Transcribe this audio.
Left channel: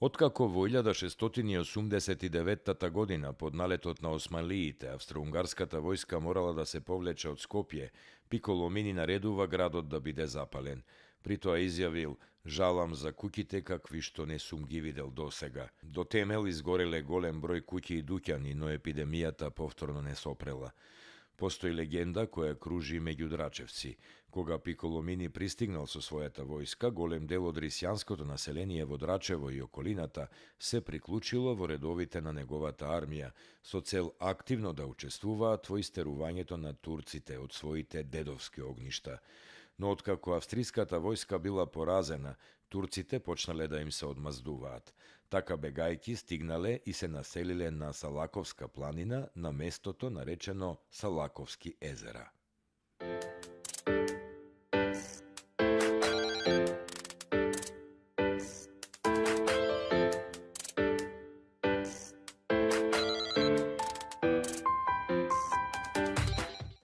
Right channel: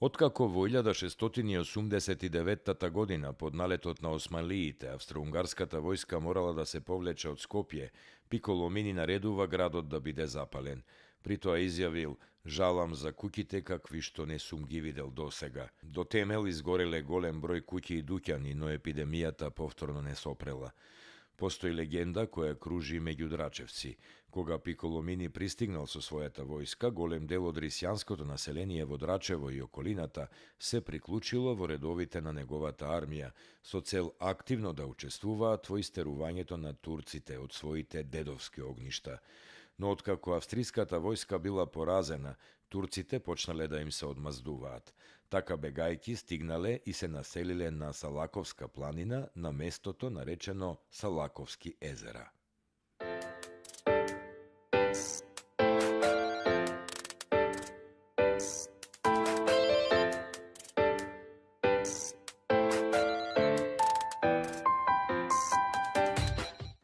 Otkako во 1689 година под налетот на османлиите австро-унгарската војска морала да се повлече од Скопје, Пиколомини наредува градот да биде запален. При тоа изјавил: "Жалам за куќите какви што не сум ги видел досега." До темел изгореле голем број куќи и дуќани, но епидемијата повторно не сопрела. Постои легенда која кружи меѓу драчевци. Кога Пиколомини пристигнал со својата војска, голем дел од рисјанското население во Драчево и околината се приклучило во редовите на неговата армија, со цел активно да учествуваат во истерувањето на турците од своите дедовски огништа. Но откако австриската војска била поразена, турците почнале да им се одмаздуваат. Така бегајки стигнале и се населиле на Салаковска планина, на местото наречено Салаковски езера.